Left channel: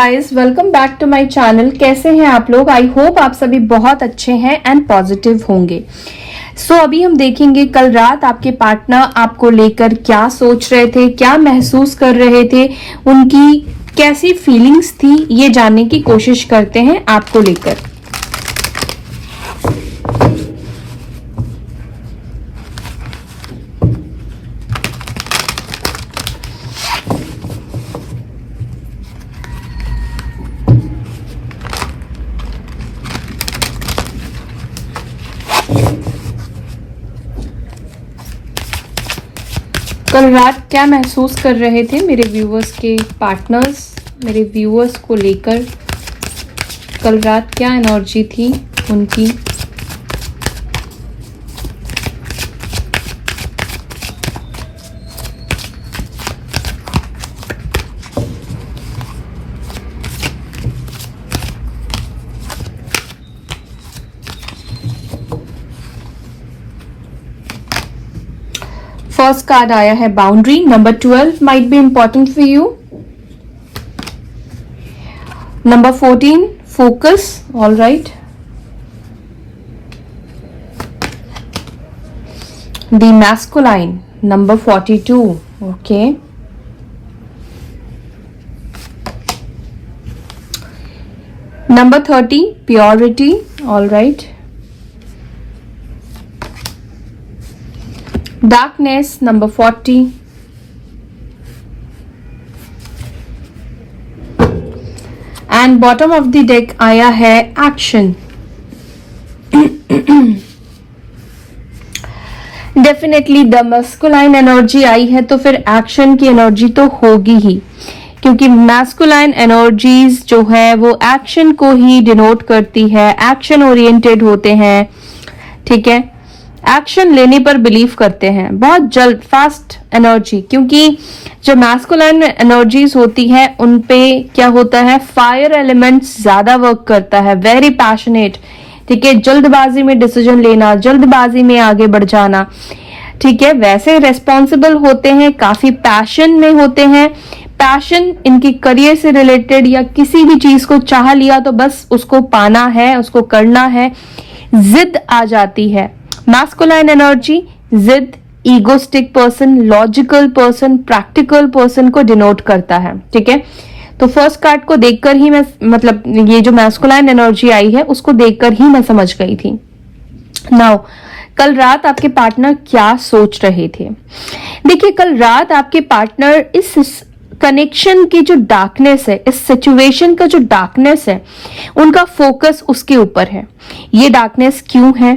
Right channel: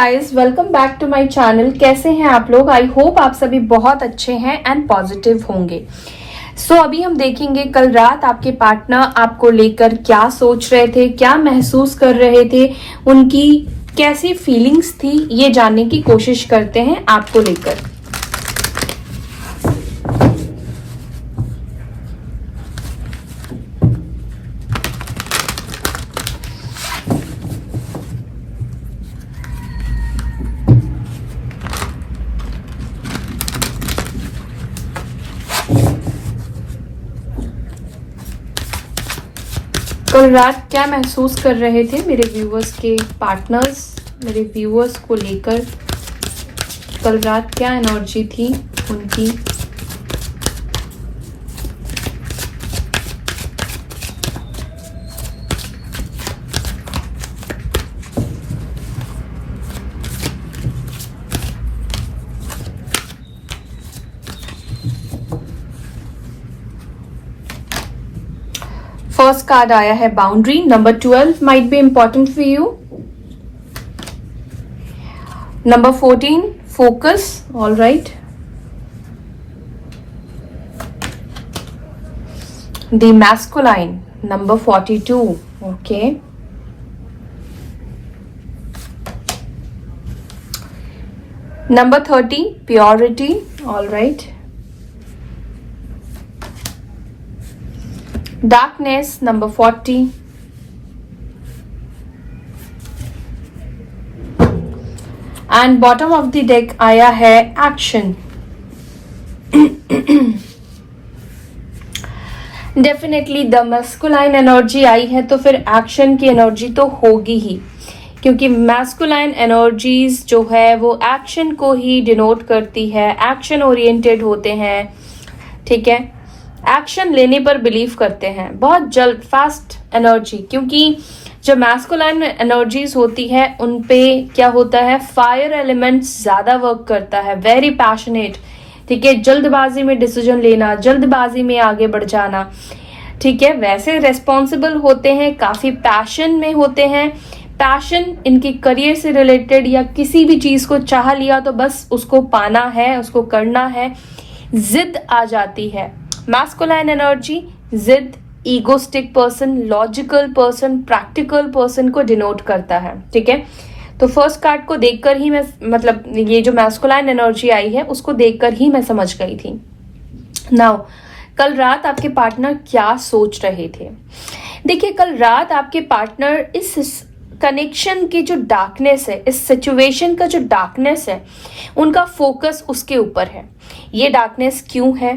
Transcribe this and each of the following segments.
Guys, welcome back to my channel. कैसे हैं आप लोग? आई होप आप सभी बहुत अच्छे हैं एंड पॉजिटिव होंगे। अभी हम देखेंगे कल रात आपके पार्टनर आपको लेकर क्या सोच रहे थे, क्या महसूस कर रहे थे, उनकी कैसी फीलिंग्स थी, ये जानने की कोशिश करते हैं आपको लेकर। कल रात क्या महसूस कर रहे थे मेरे व्यूअर्स के पार्टनर्स, मेरे व्यूअर्स को लेकर कल रात क्या एनर्जी थी उनकी। फर्स्ट कार्ड आया है boundary. Number 12 might be important for you. Number 14 focus. All right. The masculine. Number 42। Okay. Number 30 purity. All right. Darkness, number 40. And bottom of the deck आया है action. Definitely the masculine energy आई है तो फिर action की energy तो होगी ही, क्योंकि masculine energies जो है वो action को ही denote करती है, action oriented होते हैं, ठीक है, एक्शन लेने पर बिलीव करते हैं, बहुत जल्द, फास्ट एनर्जी। क्योंकि जो मैस्कुलाइन एनर्जीज होती हैं उन पे क्या होता है, फायर एलिमेंट्स ज्यादा वर्क करता है, वेरी पैशनेट, ठीक है, जल्दबाजी में डिसीजन लेना, जल्दबाजी में आगे बढ़ जाना, ठीक है, वैसे रेस्पॉन्सिबल होते हैं, काफी पैशन में होते हैं। पैशन इनकी करियर से रिलेटेड या किसी भी चीज को चाह लिया तो बस उसको पाना है, उसको करना है, जिद आ जाती है। मैस्कुलाइन एनर्जी जिद, egoistic person, logical person, practical person को डिनोट करता है, ठीक है। तो फर्स्ट कार्ड को देखकर ही मैं, मतलब ये जो मैस्कुलाइन एनर्जी आई है उसको देखकर ही मैं समझ गई थी। नाउ कल रात आपके पार्टनर क्या सोच रहे थे? देखिए, कल रात आपके पार्टनर इस कनेक्शन की जो डार्कनेस है, इस सिचुएशन का जो डार्कनेस है, उनका फोकस उसके ऊपर है। ये डार्कनेस क्यों है,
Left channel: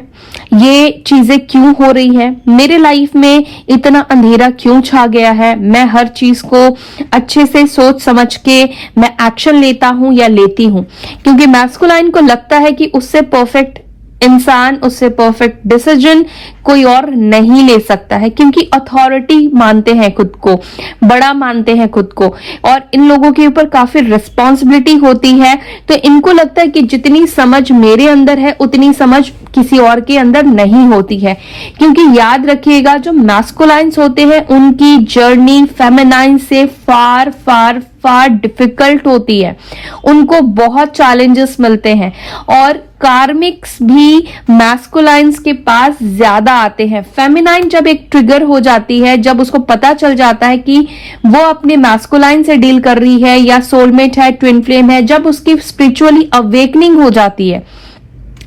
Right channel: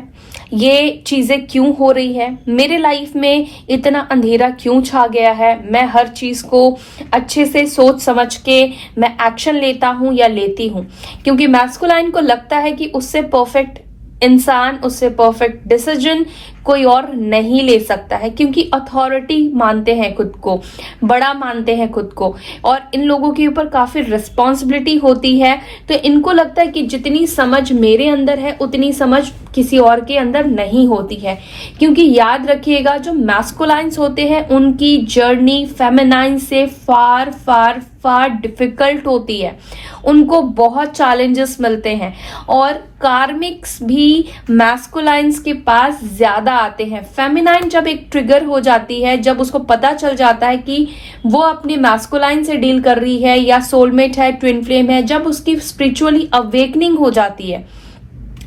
ये चीजें क्यों हो रही है, मेरे लाइफ में इतना अंधेरा क्यों छा गया है, मैं हर चीज को अच्छे से सोच समझ के मैं एक्शन लेता हूं या लेती हूं। क्योंकि मैस्कुलाइन को लगता है कि उससे परफेक्ट इंसान, उससे परफेक्ट डिसीजन कोई और नहीं ले सकता है, क्योंकि अथॉरिटी मानते हैं खुद को, बड़ा मानते हैं खुद को, और इन लोगों के ऊपर काफी रिस्पॉन्सिबिलिटी होती है। तो इनको लगता है कि जितनी समझ मेरे अंदर है उतनी समझ किसी और के अंदर नहीं होती है। क्योंकि याद रखिएगा, जो मैस्कुलाइन्स होते हैं उनकी जर्नी फेमिनाइन से फार फार फार डिफिकल्ट होती है, उनको बहुत चैलेंजेस मिलते हैं, और कार्मिक्स भी मैस्कुलाइन्स के पास ज्यादा आते हैं। फेमिनाइन जब एक ट्रिगर हो जाती है, जब उसको पता चल जाता है कि वो अपने मैस्कुलाइन से डील कर रही है या सोलमेट है, ट्विन फ्लेम है, जब उसकी स्पिरिचुअली अवेकनिंग हो जाती है,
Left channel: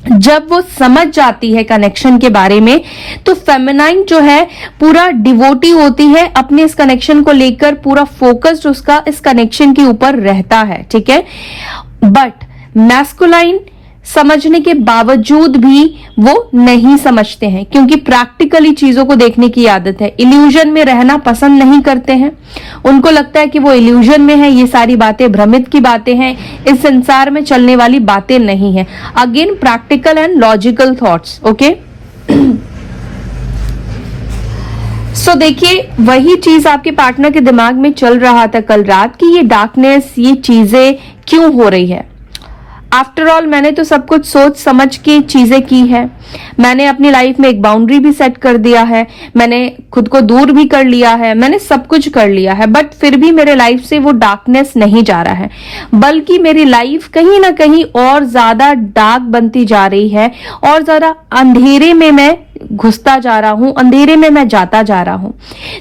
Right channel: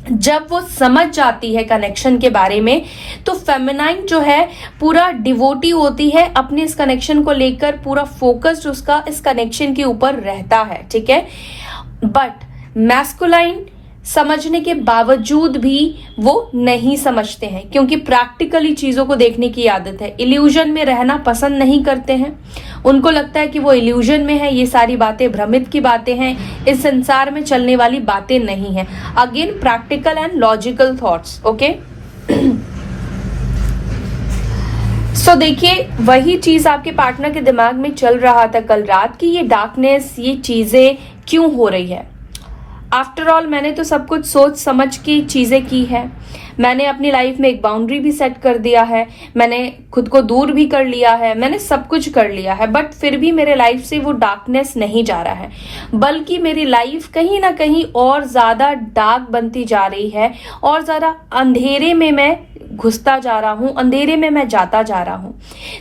जब वो समझ जाती है कनेक्शन के बारे में, तो फेमिनाइन जो है पूरा डिवोटी होती है, अपने इस कनेक्शन को लेकर पूरा फोकस्ड उसका इस कनेक्शन के ऊपर रहता है, ठीक है। बट मैस्कुलाइन समझने के बावजूद भी वो नहीं समझते हैं, क्योंकि प्रैक्टिकली चीजों को देखने की आदत है, इल्यूजन में रहना पसंद नहीं करते हैं। उनको लगता है कि वो इल्यूजन में है, ये सारी बातें भ्रमित की बातें हैं, इस संसार में चलने वाली बातें नहीं है। Again practical and logical thoughts, okay. So देखिए, वही चीज आपके पार्टनर के दिमाग में चल रहा था कल रात कि ये डार्कनेस, ये चीजें क्यों हो रही है। आफ्टर ऑल मैंने तो सब कुछ सोच समझ के चीजें की है, मैंने अपनी लाइफ में एक बाउंड्री भी सेट कर दिया है, मैंने खुद को दूर भी कर लिया है, मैंने सब कुछ कर लिया है, बट फिर भी मेरे लाइफ से वो डार्कनेस नहीं जा रहा है, बल्कि मेरी लाइफ कहीं ना कहीं और ज्यादा डार्क बनती जा रही है, और ज्यादा अंधेरे में मैं घुसता जा रहा हूं, अंधेरे में मैं जाता जा रहा हूं।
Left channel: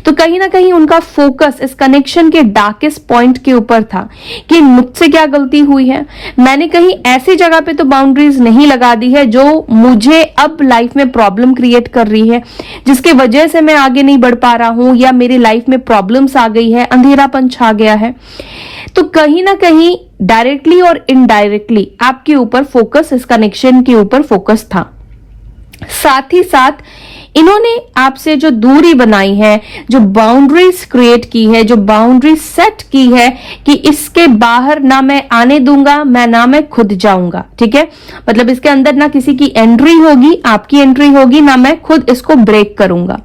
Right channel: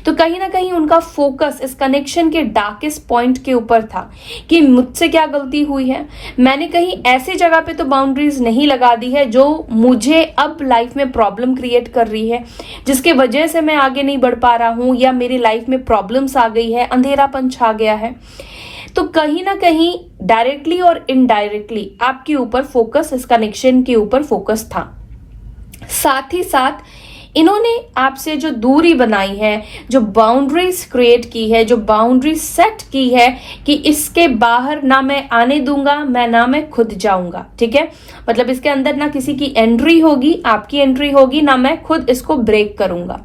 तो कहीं ना कहीं उनका फोकस इस कनेक्शन के डार्केस्ट पॉइंट के ऊपर था कि मुझसे क्या गलती हुई है, मैंने कहीं ऐसी जगह पे तो बाउंड्रीज नहीं लगा दी है जो मुझे अब लाइफ में प्रॉब्लम क्रिएट कर रही है, जिसके वजह से मैं आगे नहीं बढ़ पा रहा हूं, या मेरी लाइफ में प्रॉब्लम्स आ गई है, अंधेरापन छा गया है। तो कहीं ना कहीं डायरेक्टली और इनडायरेक्टली आपके ऊपर फोकस, इस कनेक्शन के ऊपर फोकस था। साथ ही साथ इन्होंने आपसे जो दूरी बनाई है, जो बाउंड्रीज क्रिएट की है, जो बाउंड्रीज सेट की है कि इसके बाहर ना मैं आने दूंगा, ना मैं खुद जाऊंगा, ठीक है, मतलब इसके अंदर ना किसी की एंट्री होगी, आपकी एंट्री होगी, ना मैं खुद इसको ब्रेक करूंगा।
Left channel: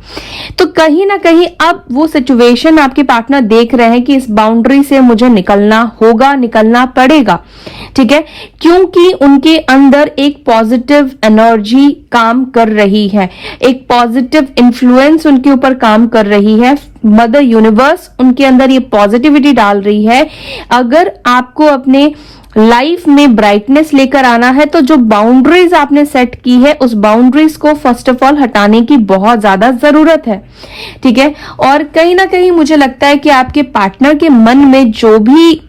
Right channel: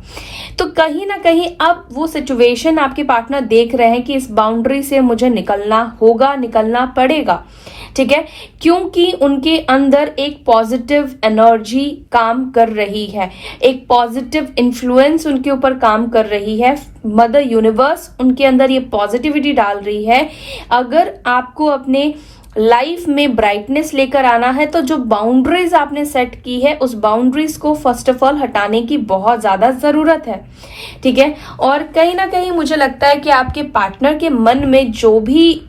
तो कहीं ना कहीं अब वो सिचुएशन आपके पार्टनर देख रहे हैं कि इस बाउंड्री से मुझे निकलना होगा, निकलना पड़ेगा, ठीक है, क्योंकि उनके अंदर एक पॉजिटिव एनर्जी काम कर रही है, एक पॉजिटिव इन्फ्लुएंस उनके ऊपर काम कर रही है, मदर यूनिवर्स उनके अंदर ये पॉजिटिविटी डाल रही है। अगर आपको अपने लाइफ में ब्राइटनेस लेकर आना है तो जो बाउंड्रीज आपने सेट की है, उस बाउंड्रीज को फर्स्ट ऑफ ऑल हटाने की बहुत ज्यादा जरूरत है, ठीक है। और कहीं ना कहीं मुझे लगता है कि आपके पार्टनर के मन में जो भी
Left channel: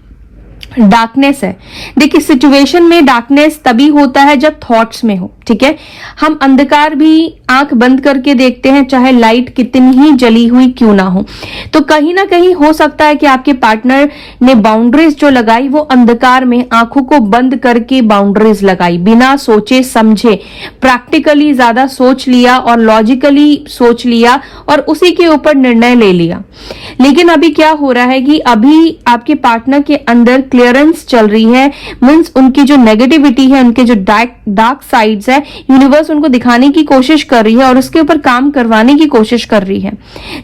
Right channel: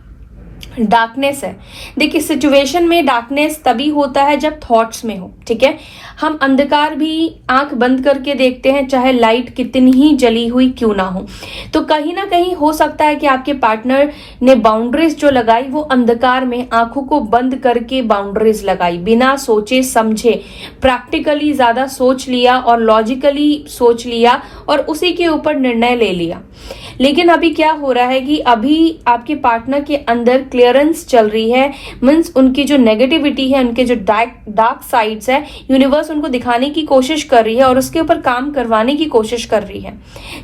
डार्कनेस है, देखिए सिचुएशन में डार्कनेस तभी होता है जब थॉट्स में हो, ठीक है, हम अंधकार भी आंख बंद करके देखते हैं, चाहे लाइट कितनी ही जली हुई क्यों ना हो। तो कहीं ना कहीं हो सकता है कि आपके पार्टनर ने बाउंड्रीज जो लगाई वो अंधकार में आंखों को बंद करके बाउंड्रीज लगाई, बिना सोचे समझे, प्रैक्टिकली ज्यादा सोच लिया और लॉजिकली सोच लिया और उसी के ऊपर निर्णय ले लिया। लेकिन अभी क्या हो रहा है कि अभी आपके पार्टनर के अंदर क्लियरेंस चल रही है, मींस उनकी जो नेगेटिविटी है, उनके जो डार्क साइड्स है, यूनिवर्स उनको दिखाने की कोशिश कर रही है और उसके ऊपर काम करवाने की कोशिश कर रही है,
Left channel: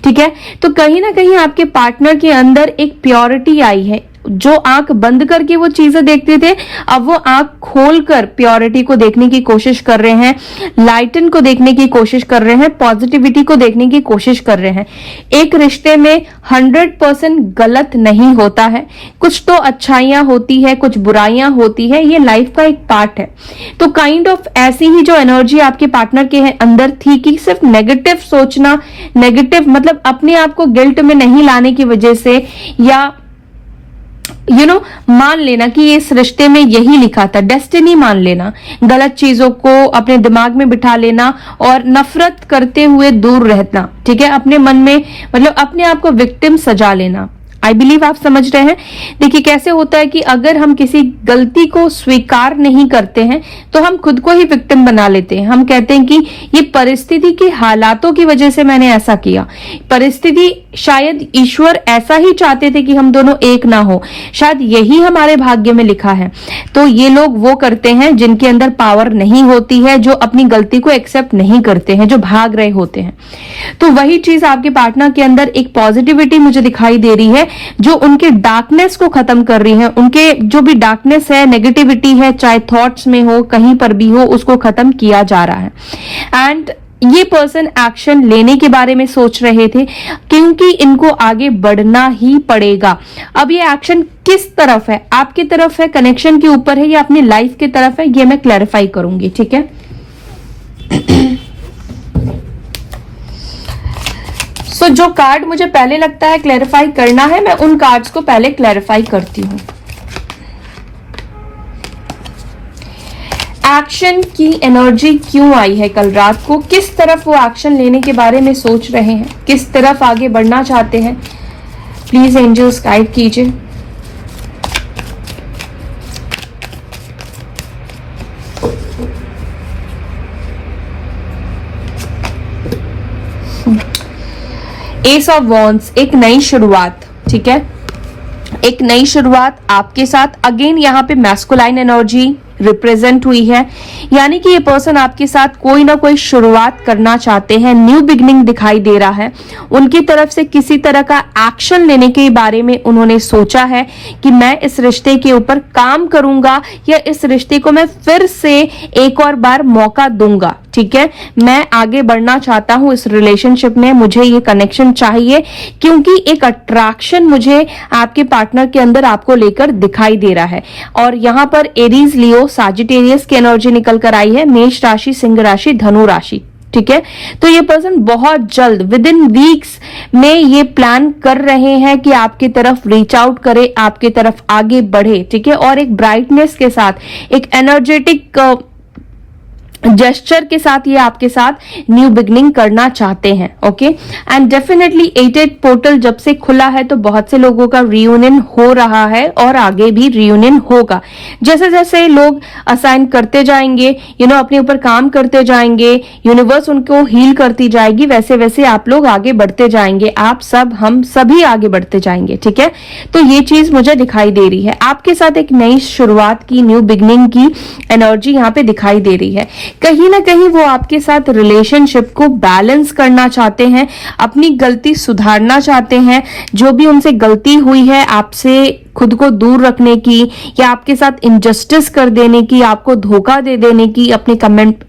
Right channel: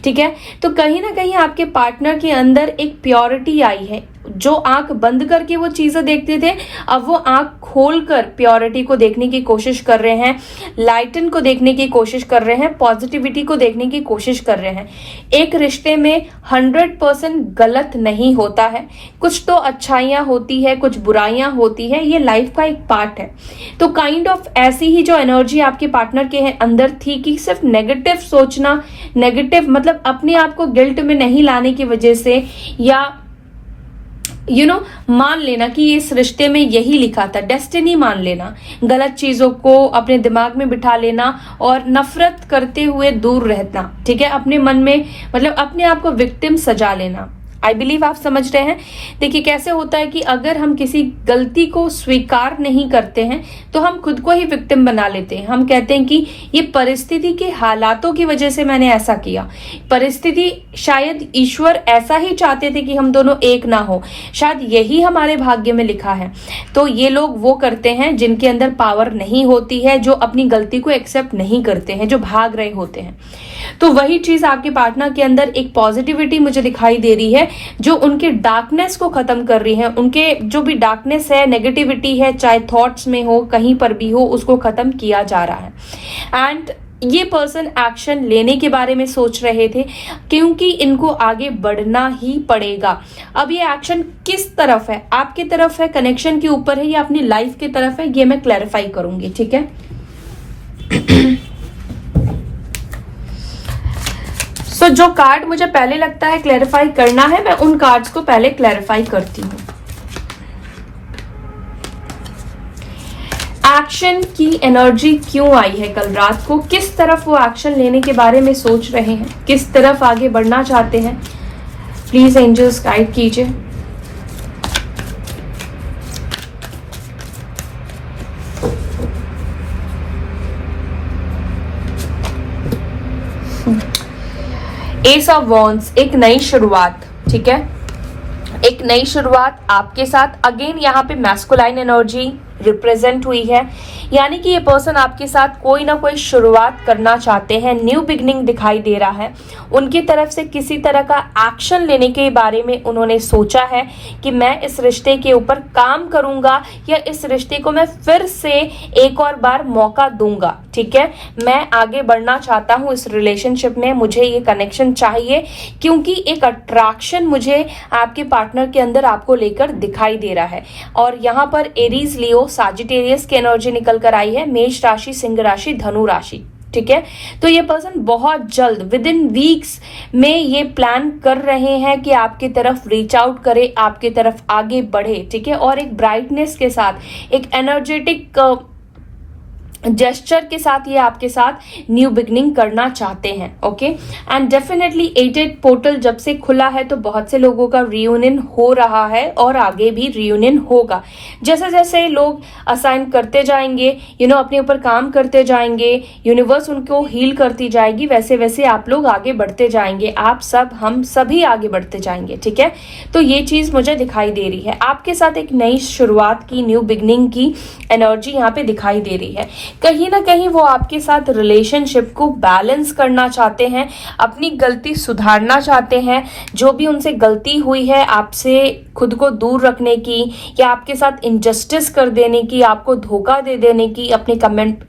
ठीक है। तो कहीं ना कहीं आपके पार्टनर के अंदर एक प्योरिटी आई है, जो आंख बंद करके वो चीजें देखते थे, अब वो आंख खोलकर प्योरिटी को देखने की कोशिश कर रहे हैं, लाइटन को देखने की कोशिश कर रहे हैं, पॉजिटिविटी को देखने की कोशिश कर रहे हैं। एक रिश्ते में 100% गलत नहीं होता है, कुछ तो अच्छाइयां होती है, कुछ बुराइयां होती है, ये लाइफ का एक पार्ट है। तो काइंड ऑफ ऐसी ही जो एनर्जी आपके पार्टनर के अंदर थी कि सिर्फ नेगेटिव सोचना, नेगेटिव मतलब अपने आप को गिल्ट में नहीं लाने की वजह से, या मान लेना कि इस रिश्ते में यही लिखा था, डेस्टिनी मान लेना, गलत चीजों को अपने दिमाग में बिठा लेना और नफरत करते हुए दूर रहना, ठीक है, अपने मन में मतलब अपने आप को विक्टिम सजा लेना। आई बिलीव आप समझ रहे हैं। देखिए कैसे होता है कि अगर हम किसी गलती को स्वीकार नहीं करते हैं तो हम खुद को ही विक्टिम बना लेते हैं। हम कहते हैं कि ये परिस्थिति के हालातों की वजह से मैंने ऐसा किया, परिस्थिति शायद ईश्वर ऐसा ही चाहते थे कि हम दोनों एक ना हो, शायद यही हमारे भाग्य में लिखा है। तो ये लोग वो करते हैं जिनके अंदर पावर नहीं होती है, जो अपनी गलती को एक्सेप्ट नहीं करते हैं, जो भाग रहे होते हैं। तो वही चीज आपके पार्टनर के अंदर एक पॉजिटिविटी मुझे दिखाई दे रही है जो उनके डार्कनेस को खत्म कर रही है। उनके जो भी डार्कनेस है, नेगेटिविटी है, चाहे थॉट्स में हो, कहीं पर भी हो, उसको खत्म किया जा रहा है। एंड ये पर्सन एक्शन लेने के बारे में सोच रहे थे क्योंकि इनको आगे बढ़ना ही पड़ेगा। अब ये एक्शन किस तरफ है, आपकी तरफ है, कनेक्शन के ऊपर है, या अपनी लाइफ की तरफ है, ये मैं क्लैरिफाई करूंगी, ठीक है। सो जो कार्ड मुझे पहले लगता है क्लैरिफाई करना है, मैं उन कार्ड्स को पहले क्लैरिफाई करती हूँ। एक्शन की एनर्जी क्यों आई है कल रात को, किस तरफ वो एक्शन लेने के बारे में सोच रहे हैं, किस तरफ आगे बढ़ना चाहते हैं, प्लीज एंजल्स गाइड कीजिए। एस ऑफ वॉन्ड्स, एक नई शुरुआत, ठीक है, एक नई शुरुआत आपके साथ। अगेन यहाँ पे मैस्कुलाइन एनर्जी, रिप्रेजेंट हुई है, यानी कि ये पर्सन आपके साथ कोई ना कोई शुरुआत करना चाहते हैं, न्यू बिगनिंग दिखाई दे रहा है। उनकी तरफ से किसी तरह का एक्शन लेने के बारे में उन्होंने सोचा है कि मैं इस रिश्ते के ऊपर काम करूंगा या इस रिश्ते को मैं फिर से एक और बार मौका दूंगा। ठीक है, मैं आगे बढ़ना चाहता हूं इस रिलेशनशिप में, मुझे ये कनेक्शन चाहिए क्योंकि एक अट्रैक्शन मुझे आपके पार्टनर के अंदर आपको लेकर दिखाई दे रहा है। और यहां पर एरीज, लियो, साजिटेरियस की एनर्जी निकल कर आई है, मेष राशि, सिंह राशि, धनु राशि। ठीक है, तो ये पर्सन बहुत जल्द विद इन वीक्स में ये प्लान कर रहे हैं कि आपकी तरफ रीच आउट करे, आपकी तरफ आगे बढ़े। ठीक है, और एक ब्राइटनेस के साथ, एक एनर्जेटिक जेस्चर के साथ ये आपके साथ न्यू बिगनिंग करना चाहते हैं। ओके, एंड डेफिनेटली 88 पोर्टल जब से खुला है तो बहुत से लोगों का रियूनियन हो रहा है और आगे भी रियूनियन होगा। जैसे जैसे लोग असाइन करते जाएंगे, अपने ऊपर काम करते जाएंगे, यूनिवर्स उनको हील करती जाएगी, वैसे वैसे आप लोग आगे बढ़ते जाएंगे, आप सब, हम सभी आगे बढ़ते जाएंगे। ठीक है, तो ये चीज मुझे दिखाई दे रही है, आपके साथ एक नई शुरुआत की, न्यू बिगनिंग की एनर्जी यहाँ पे दिखाई दे रही है। कहीं ना कहीं वो आपके साथ रिलेशनशिप को बैलेंस करना चाहते हैं, अपनी गलती सुधारना चाहते हैं, जो भी उनसे गलती हुई है आपसे खुद को दूर रखने की या आपके साथ इनजस्टिस कर देने की, आपको धोखा दे देने की, अपने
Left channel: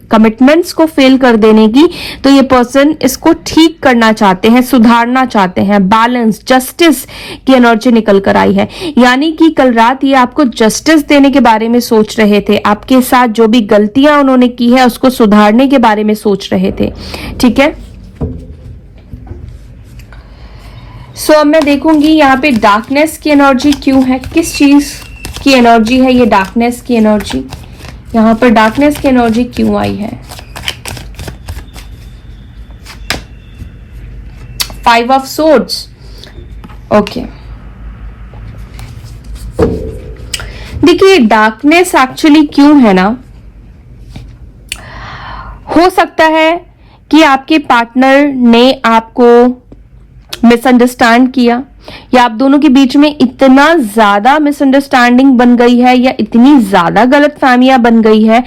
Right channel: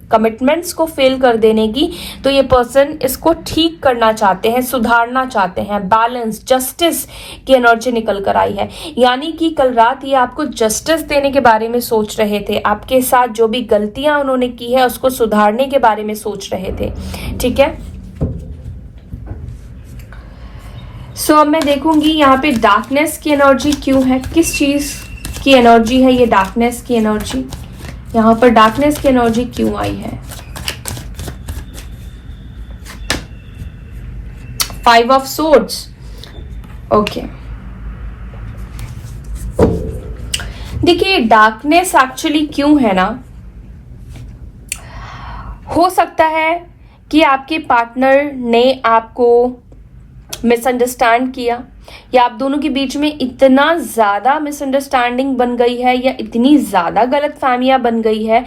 कमिटमेंट्स को फेल कर देने की, तो ये पर्सन इसको ठीक करना चाहते हैं, सुधारना चाहते हैं। बैलेंस, जस्टिस की एनर्जी निकल कर आई है, यानी कि कल रात ये आपको जस्टिस देने के बारे में सोच रहे थे, आपके साथ जो भी गलतियां उन्होंने की है उसको सुधारने के बारे में सोच रहे थे। ठीक है, सो मैं देखूंगी यहाँ पे डार्कनेस की एनर्जी क्यों है, किस चीज की एनर्जी है ये डार्कनेस की एनर्जी, यहाँ पर डार्कनेस की एनर्जी क्यों आई है। 5 ऑफ सोर्ड्स। ओके, देखिए डार्कनेस एक्चुअली क्यों है ना, हो सकता है कि आपके पार्टनर ने आपको मिसअंडरस्टैंड किया, या आप दोनों के बीच में इतना ज्यादा मिसअंडरस्टैंडिंग बन गई है या इतनी ज्यादा गलतफहमियां बन गई है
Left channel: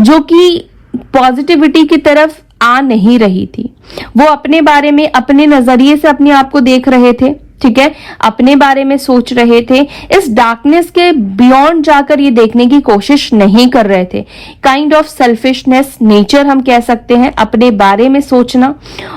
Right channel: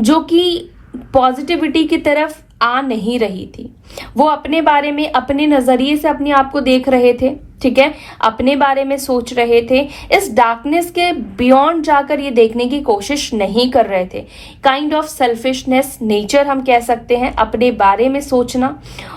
जो कि पॉजिटिविटी की तरफ आ नहीं रही थी। वो अपने बारे में, अपने नजरिए से अपने आप को देख रहे थे। ठीक है, अपने बारे में सोच रहे थे, इस डार्कनेस के बियॉन्ड जाकर ये देखने की कोशिश नहीं कर रहे थे। काइंड ऑफ सेल्फिशनेस नेचर हम कह सकते हैं, अपने बारे में सोचना।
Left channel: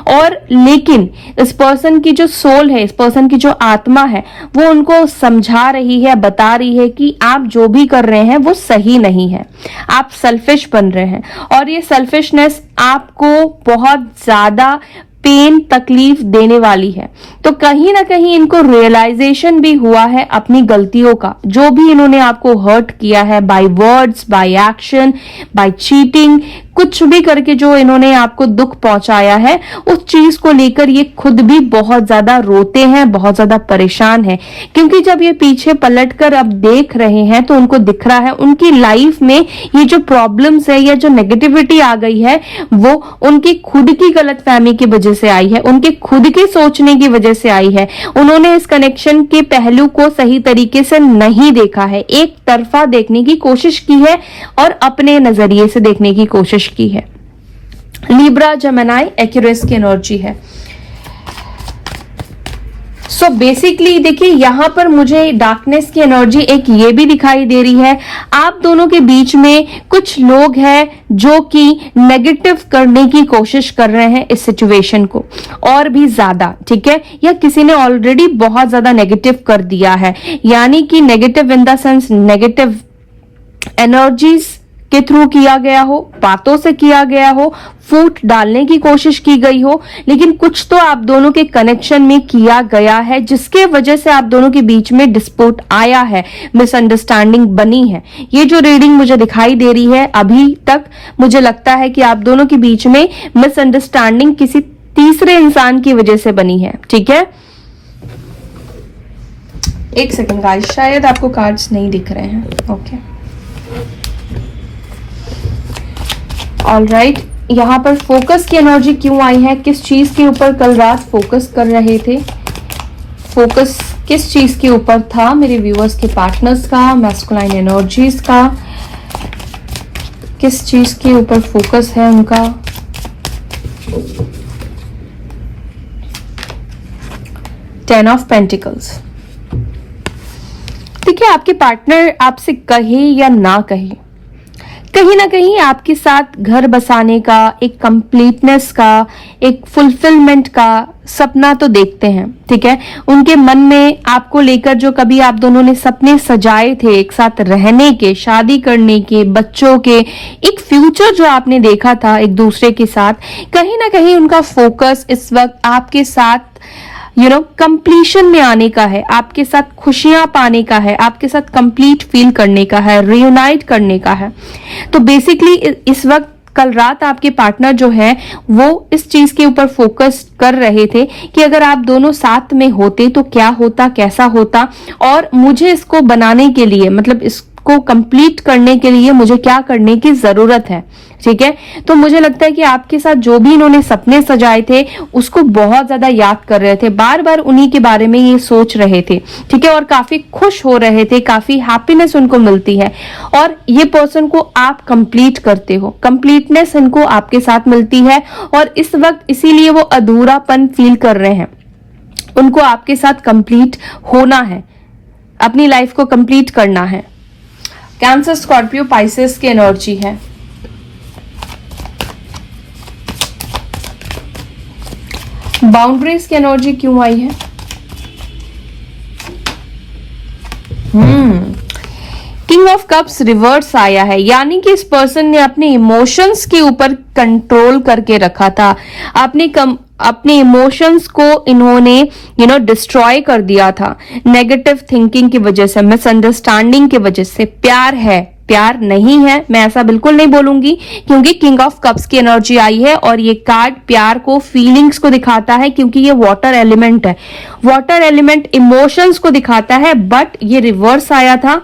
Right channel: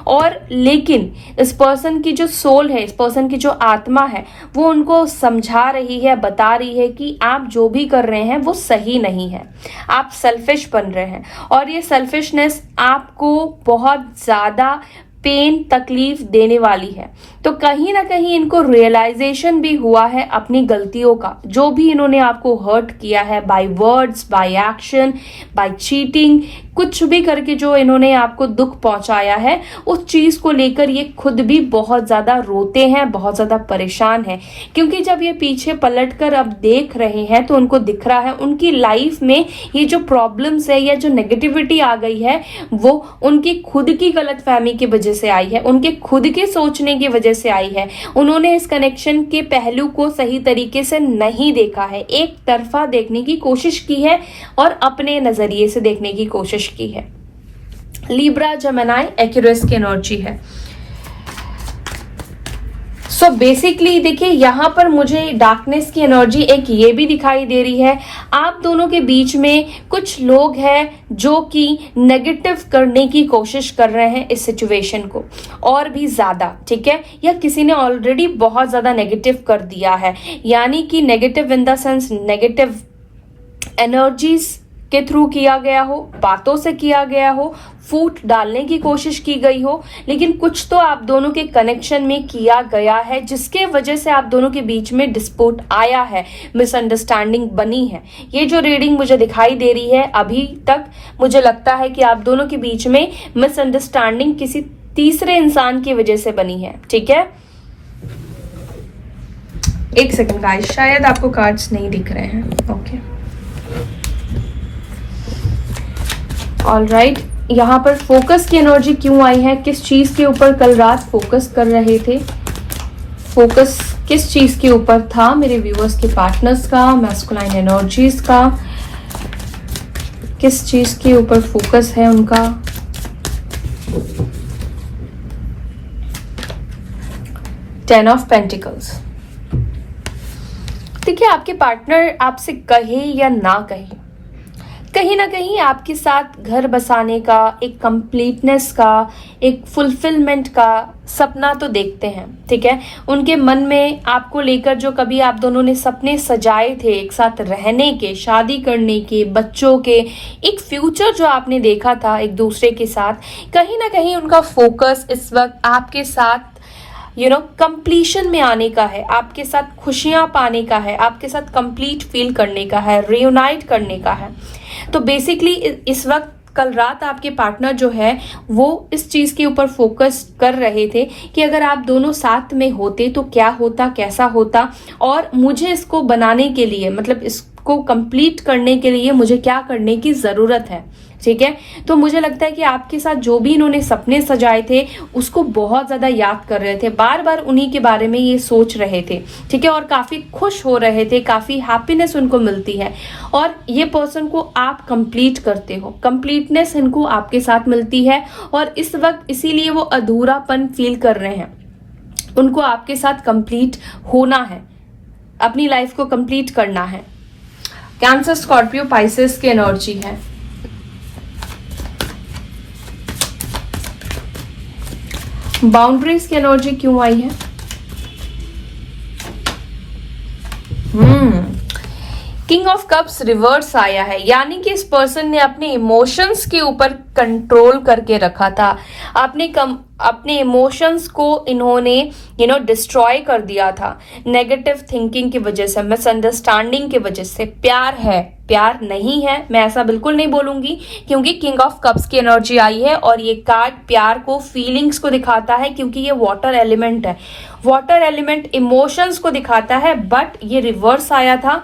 और लेकिन इस पर्सन की जो सोल है, इस पर्सन की जो आत्मा है, वो उनको समझा रही है, बता रही है कि आप जो भी कर रहे हैं वो सही नहीं है, आप सेल्फिश बन रहे हैं, और ये सेल्फिशनेस आपको बहुत ज्यादा पेन, तकलीफ देने वाली है। तो कहीं ना कहीं इनको रियलाइजेशन भी हुआ है अपनी गलतियों का, जो भी इन्होंने आपको हर्ट किया है, by words, by action, by cheating, कुछ भी करके जो इन्होंने आपको दुख पहुंचाया है, उस चीज को लेकर ये खुद भी बहुत ज्यादा रोते हैं, बहुत ज्यादा परेशान है। क्योंकि जब ये पीछे पलटकर अब देख रहे हैं तो उनको दिख रहा है उनकी लाइफ में ये जो प्रॉब्लम्स है या जो नेगेटिविटी आ गई है वो उनकी खुद की गलतफहमी की वजह से आई है, उनके खुद के सोचने की वजह से आई है। उन्होंने इस कनेक्शन के पहलू को सही तरीके से नहीं देखा है, एक तरफा देखने की कोशिश की है और अपने नजरिए से देखने की कोशिश की है। लिब्रा, जेमिनी, एक्यूरियस की एनर्जी है। सो बेसिकली देखिए यहां पर मुझे डार्कनेस की एनर्जी एक ये भी दिखाई दे रही है, आप दोनों के बीच में कुछ लोग हैं जो कि नेगेटिव करने की कोशिश कर रहे हैं इस सिचुएशन को और भी ज्यादा। ठीक है, या किसी ने ऑलरेडी बहुत ज्यादा नेगेटिव कर दिया है, यानी कि negative in the sense negative energies के थ्रू किया गया हो, बातों से किया गया हो, फूट डालने की कोशिश की गई हो, लेकिन कुछ तो आप दोनों के कनेक्शन में किया गया है जिसके वजह से आप दोनों के बीच में डिस्प्यूट आया है, मिसअंडरस्टैंडिंग बनी है। ये जो रीडिंग मुझे दिखाई दे रही है अभी तक, मुझे लगता है कि आप दोनों के बीच में मिसअंडरस्टैंडिंग किसी तीसरे इंसान की वजह से बनी है। ठीक है, एक सेकंड गाइस, शायद आपको कार्ड्स नहीं दिख रहे हैं। ओके, ऑलराइट, यहाँ पर फोकस की एनर्जी क्यों आई है, किस चीज के ऊपर कल रात फोकस कर रहे थे, फोकस किस चीज के ऊपर था मेरे व्यूअर्स के पार्टनर्स का, मैस्कुलाइन एनर्जीज का। किस चीज के ऊपर फोकस है उनका? Ten of pentacles. देखिए, आपके पार्टनर आपसे कहे या ना कहे, कहीं ना कहीं आपके साथ घर बसाने का, एक कंप्लीटनेस का, एक फुलफिलमेंट का सपना तो देखते हैं। ठीक है, उनके मन में आपको लेकर जो कभी आप दोनों ने सपने सजाए थे, एक साथ रहने के, शादी करने के, बच्चों के, एक फ्यूचर जो आपने देखा था एक दूसरे के साथ, कहीं ना कहीं उनका फोकस इस वक्त आपके साथ कंप्लीशन में आने का है, आपके साथ खुशियां पाने का है, आपके साथ कंप्लीट फील करने का है, रियूनाइट करने का है। तो बेसिकली इस वक्त कल रात आपके पार्टनर जो है वो इस चीज के ऊपर फोकस कर रहे थे कि अगर आप दोनों साथ में होते तो क्या होता, कैसा होता, और मुझे इसको बनाने के लिए, मतलब इसको कंप्लीट करने के लिए मुझे क्या करने की जरूरत है। ठीक है, तो मुझे लगता है कि आपके साथ जो भी इन्होंने सपने सजाए थे उसको बहुत ज्यादा याद कर रहे थे, बार बार उन्हीं के बारे में ये सोच रहे थे। ठीक है, और काफी खुश हो रहे थे, काफी हैप्पीनेस उनको मिलती है, और ये पर्सन को आप कंप्लीट करते हो, कंप्लीटनेस इनको आपके साथ मिलती है, और इस वक्त इसीलिए वो अधूरापन फील कर रहे हैं। उनको आपके साथ कंप्लीट होना है, अपनी लाइफ को कंप्लीट करना है। कैंसर, स्कॉर्पियो, पाइसेस की एनर्जी है। बाउंड्रीज की एनर्जी क्यों आई है? किंग ऑफ कप्स रिवर्स आया है, यानी कि इस पर्सन ने अपने इमोशंस के ऊपर कंट्रोल करके रखा था। अपने इमोशंस को इन्होंने डिस्ट्रॉय कर दिया था नेगेटिव थिंकिंग की वजह से, मिसअंडरस्टैंडिंग की वजह से। प्यार है, प्यार नहीं है, मैं ऐसा बिल्कुल नहीं बोलूंगी, क्योंकि किंग ऑफ कप्स की एनर्जी आई है और ये कार्ड प्यार को, फीलिंग्स को दिखाता है, क्योंकि ये वाटर एलिमेंट है। वाटर एलिमेंट इमोशंस को दिखाता है, बट ये रिवर्स आया था।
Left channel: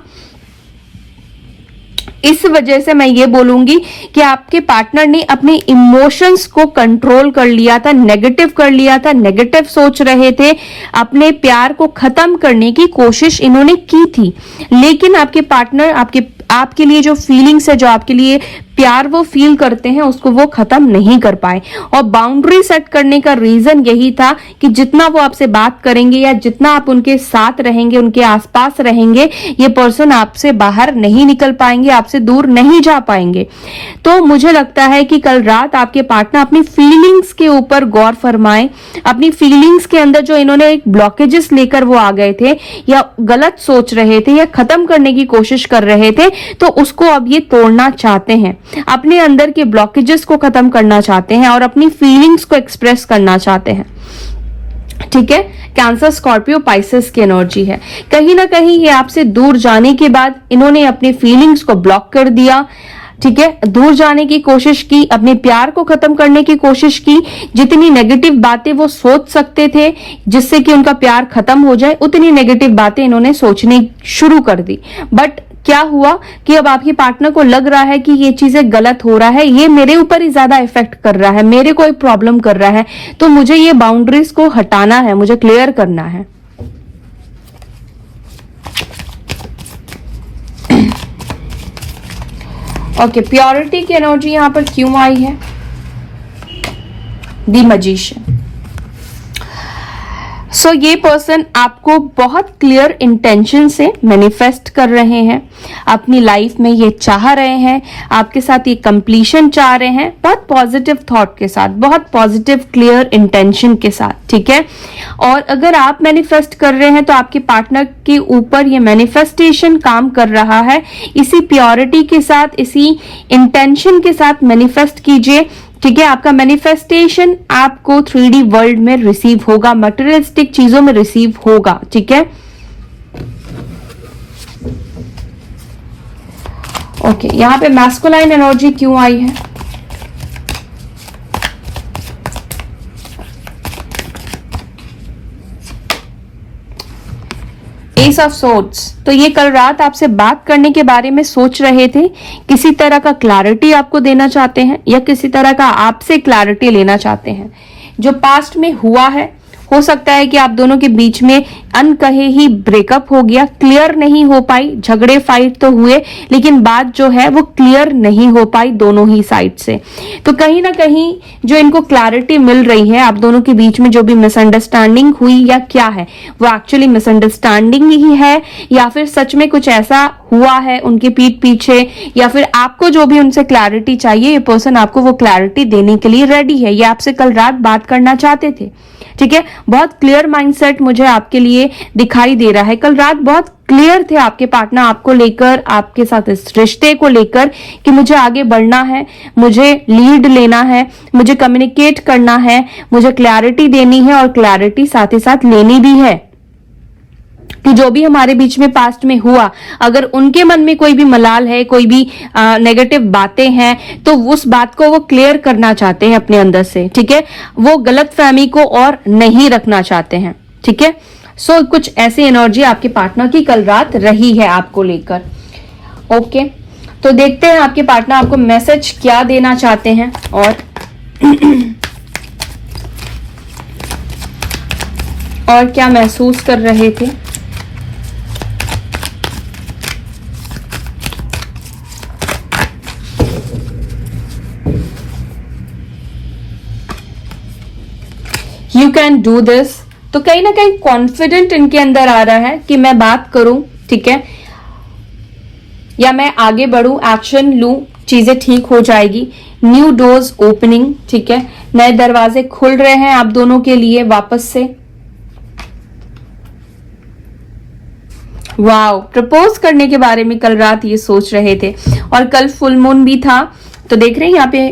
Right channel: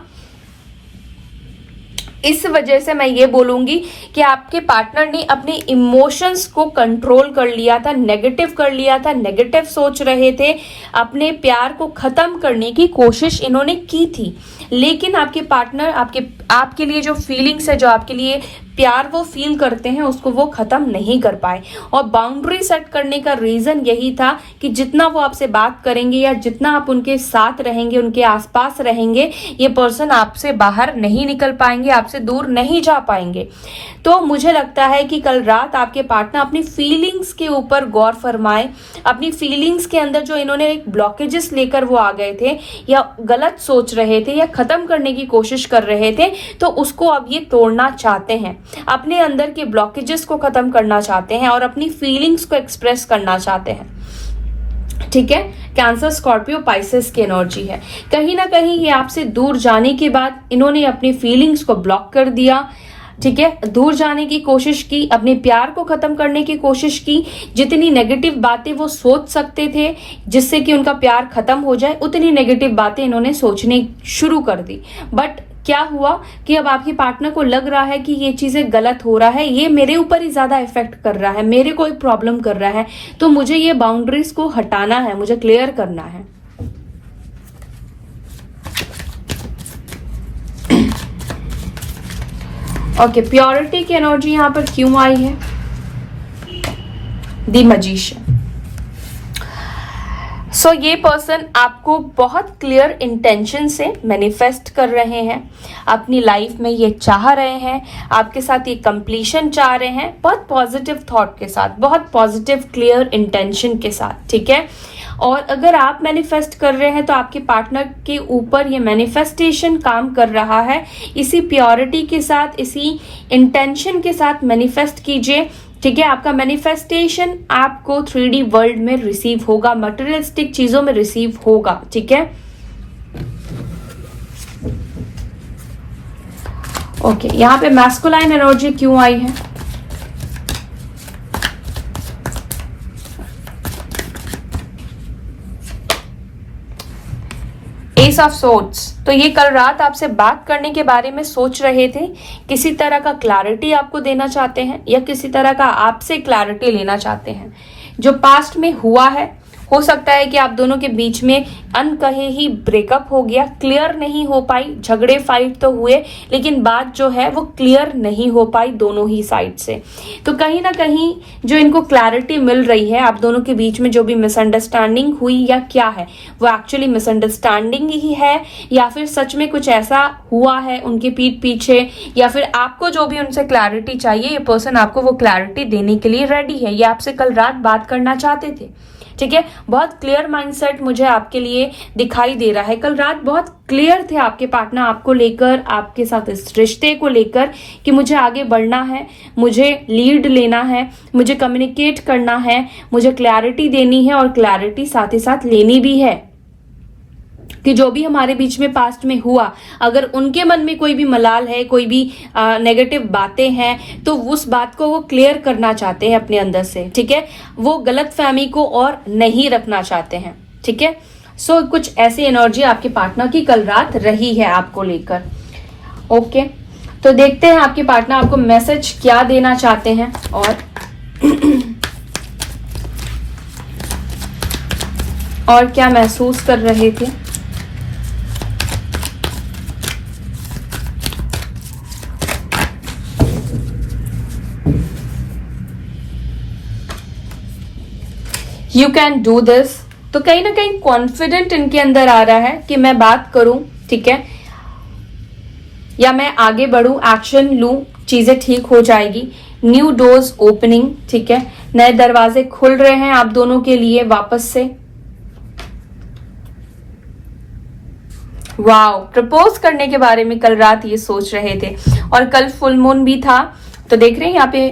इस वजह से मैं ये बोलूंगी कि आपके पार्टनर ने अपने इमोशंस को कंट्रोल कर लिया था, नेगेटिव कर लिया था, नेगेटिव सोच रहे थे, अपने प्यार को खत्म करने की कोशिश इन्होंने की थी। लेकिन आपके पार्टनर आपके लिए जो फीलिंग्स है, जो आपके लिए प्यार वो फील करते हैं, उसको वो खत्म नहीं कर पाए। और बाउंड्री सेट करने का रीजन यही था कि जितना वो आपसे बात करेंगे या जितना आप उनके साथ रहेंगे, उनके आसपास रहेंगे, ये पर्सन आपसे बाहर नहीं निकल पाएंगे, आपसे दूर नहीं जा पाएंगे। तो मुझे लगता है कि कल रात आपके पार्टनर अपनी फीलिंग्स के ऊपर गौर फरमाएं। अपनी फीलिंग्स के अंदर जो इन्होंने एक ब्लॉकेजेस लेकर वो आ गए थे, या गलत सोच रहे थे, या खत्म करने की कोशिश कर रहे थे, तो उसको अब ये तोड़ना चाहते हैं। अपने अंदर के ब्लॉकेजेस को खत्म करना चाहते हैं और अपनी फीलिंग्स को एक्सप्रेस करना चाहते हैं। ठीक है, कैंसर, स्कॉर्पियो, पाइसेस की एनर्जी है। कहीं ना कहीं ये आपसे दूर जाने के बाद इन्होंने अपनी फीलिंग्स को ब्लॉक कर दिया। ठीक है, दूर जाने की कोशिश की, अपने प्यार को खत्म करने की कोशिश की। जितनी नेगेटिव बातें वो सोच सकते थे जिससे कि उनका प्यार खत्म हो जाए, उतनी नेगेटिव बातें इन्होंने सोचनी शुरू कर दी। बट क्या हुआ कि अब आपके पार्टनर को लग रहा है कि ये चीजें गलत हो रहा है, ये मेरे ऊपर ही ज्यादा इफेक्ट कर रहा है, मेरे को एक प्रॉब्लम कर रहा है, तो मुझे ये बाउंड्रीज को हटाना है, मुझे क्लियर करना है। ओके, प्योरिटी की एनर्जी यहां पर क्यों आई है? The magician. सो ये पर्सन आपको बहुत क्लियर इंटेंशन से मैनिफेस्ट कर रहे हैं, अपनी लाइफ में ये चाह रहे हैं, आपके साथ ये कंप्लीशन चाह रहे हैं, बहुत पॉजिटिव थॉट के साथ, बहुत पॉजिटिव क्लियर इंटेंशन के साथ। ठीक है, और अगर आप मैनिफेस्ट कर रहे हैं तो आपके पार्टनर के ऊपर ये मैनिफेस्टेशन काम कर रहा है। इसी प्योरिटी के साथ, इसी इंटेंशन के साथ मैनिफेस्ट कीजिए। ठीक है, आपका मैनिफेस्टेशन आपको 3D वर्ल्ड में रिसीव होगा, मटेरियलिस्टिक चीजों में रिसीव होगा। ठीक है, ओके, यहां पे मैस्कुलाइन एनर्जी क्यों आई है? S of swords. तो ये कल रात आपसे बात करने के बारे में सोच रहे थे, किसी तरह का क्लैरिटी आपको देना चाहते हैं, या किसी तरह का आपसे क्लैरिटी लेना चाहते हैं। जो पास्ट में हुआ है, हो सकता है कि आप दोनों के बीच में अनकहे ही ब्रेकअप हो गया, क्लियर नहीं हो पाई, झगड़े फाइट तो हुए लेकिन बात जो है वो क्लियर नहीं हो पाई दोनों ही साइड से। तो कहीं ना कहीं जो इनको क्लैरिटी मिल रही है, आप दोनों के बीच में जो भी मिसअंडरस्टैंडिंग हुई या क्या है, वो एक्चुअली मिसअंडरस्टैंडिंग ही है या फिर सच में कुछ ऐसा हुआ है उनके पीठ पीछे, या फिर आपको जो भी उनसे क्लैरिटी चाहिए, ये पर्सन आपको वो क्लैरिटी देने के लिए रेडी है। ये आपसे कल रात बात करना चाहते थे, ठीक है। बहुत क्लियर माइंडसेट मुझे आपके लिए दिखाई दे रहा है। कल रात बहुत क्लियर थे आपके पार्टनर आपको लेकर, आपके साथ इस रिश्ते को लेकर कि मुझे आगे बढ़ना है, मुझे लीड लेना है, मुझे कम्युनिकेट करना है, मुझे क्लैरिटी देनी है और क्लैरिटी साथ ही साथ लेनी भी है कि जो भी हमारे बीच में पास्ट में हुआ, अगर उनके मन में कोई भी मलाल है, कोई भी नेगेटिव बातें हैं, तो उस बात को वो क्लियर करना चाहते हैं अपने अंदर से, ठीक है। वो गलत फहमी को और नहीं रखना चाहते हैं, ठीक है। सो कुछ ऐसी एनर्जी आपके पार्टनर की कल रात रही है आपको लेकर। ओके, तो देखते हैं आपके पार्टनर आपको मैसेज क्या देना चाहते हैं और क्या महसूस कर रहे थे। You can do this. तो कहीं ना कहीं कॉन्फिडेंट इनके अंदर आ रहा है कि मैं बात करूं, ठीक है, या मैं आगे बढ़ूं, एक्शन लूं, चीजें ठीक हो जाएगी। न्यू डोर्स ओपनिंग, ठीक है, नए दरवाजे खुल रहे हैं आप दोनों के लिए वापस से। वाओ, प्रपोज करने के बारे में कल रात ये सोच रहे थे और कल फुल मून भी था। तो देख रहे हैं यहाँ पे,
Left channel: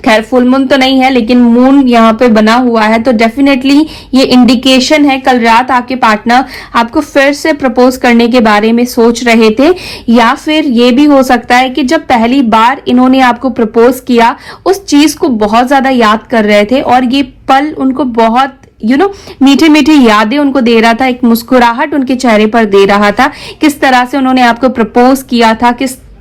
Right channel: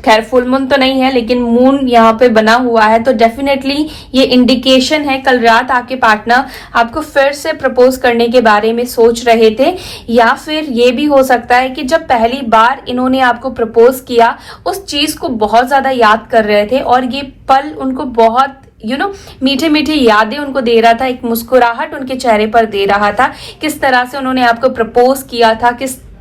खैर फुल मून तो नहीं है लेकिन मून यहाँ पे बना हुआ है, तो डेफिनेटली ये इंडिकेशन है कल रात आपके पार्टनर आपको फिर से प्रपोज करने के बारे में सोच रहे थे, या फिर ये भी हो सकता है कि जब पहली बार इन्होंने आपको प्रपोज किया उस चीज को बहुत ज्यादा याद कर रहे थे और ये पल उनको बहुत मीठे मीठे यादें उनको दे रहा था, एक मुस्कुराहट उनके चेहरे पर दे रहा था, किस तरह से उन्होंने आपको प्रपोज किया था,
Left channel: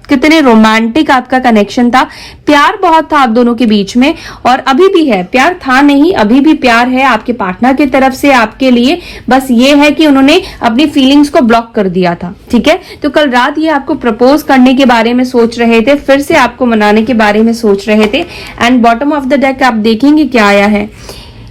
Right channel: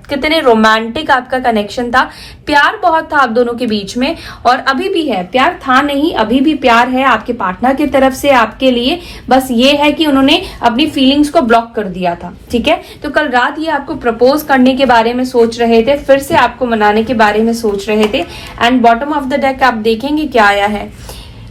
कितने रोमांटिक आपका कनेक्शन था, प्यार बहुत था आप दोनों के बीच में और अभी भी है, प्यार था नहीं अभी भी प्यार है आपके पार्टनर की तरफ से आपके लिए। बस ये है कि उन्होंने अपनी फीलिंग्स को ब्लॉक कर दिया था, ठीक है। तो कल रात ये आपको प्रपोज करने के बारे में सोच रहे थे, फिर से आपको मनाने के बारे में सोच रहे थे। And bottom of the deck आप देखेंगे क्या आया है,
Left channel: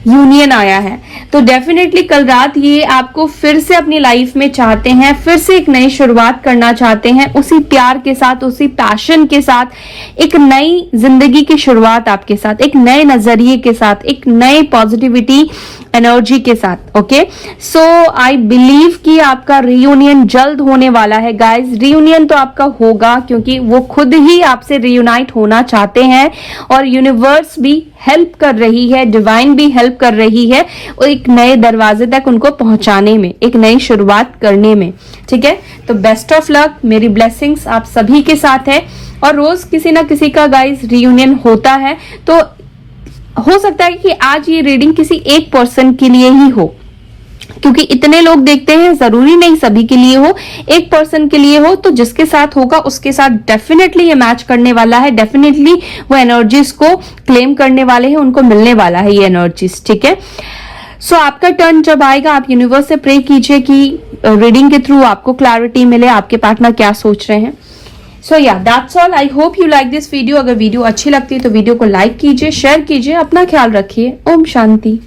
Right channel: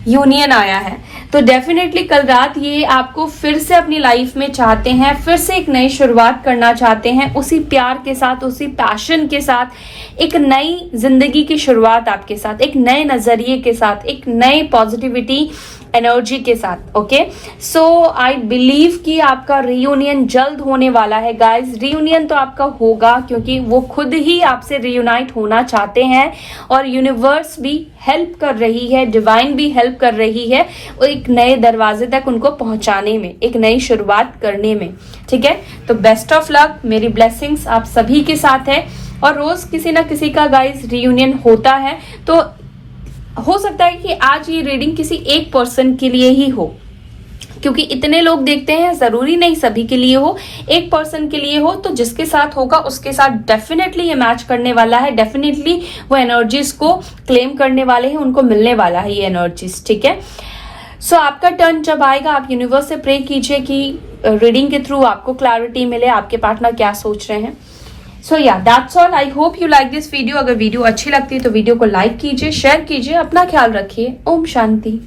यूनियन आया है। तो डेफिनेटली कल रात ये आपको फिर से अपनी लाइफ में चाहते हैं, फिर से एक नई शुरुआत करना चाहते हैं, उसी प्यार के साथ, उसी पैशन के साथ, एक नई जिंदगी की शुरुआत आपके साथ, एक नए नजरिए के साथ, एक नए पॉजिटिविटी एनर्जी के साथ। ओके, सो आई बिलीव कि आपका रियूनियन जल्द होने वाला है गाइस। रियूनियन तो आपका होगा क्योंकि वो खुद ही आपसे रियूनाइट होना चाहते हैं और यूनिवर्स भी हेल्प कर रही है, डिवाइन भी हेल्प कर रही है और एक नए दरवाजे तक उनको पहुंचाने में, एक नई शुरुआत करने में, ठीक है। तो बेस्ट ऑफ लक, मेरी ब्लेसिंग्स आप सभी के साथ है और रोज किसी ना किसी का गाइस रियूनियन होता है। तो हो सकता है कि आज ये रीडिंग किसी एक पर्सन के लिए ही हो, क्योंकि इतने लोग देखते हैं, जरूरी नहीं सभी के लिए हो, एक पर्सन के लिए हो। तो जिसके साथ होगा उसके साथ डेफिनेटली ये मैच करने वाला है, डेफिनेटली वो एनर्जीज को क्लेम करने वाले हैं, उनको मिलने वाला है ये एनर्जीज, ठीक है। सो आपका टर्न जब आएगा आप यूनिवर्स से प्रे कीजिए कि रीडिंग के थ्रू आपको क्लैरिटी मिले, आपके पार्टनर क्या सोच रहे हैं। सो या that's all, I hope you like this video. अगर वीडियो अच्छी लगती है तो वीडियो को लाइक कीजिए, शेयर कीजिए, अपना ख्याल रखिए। ओम शांति।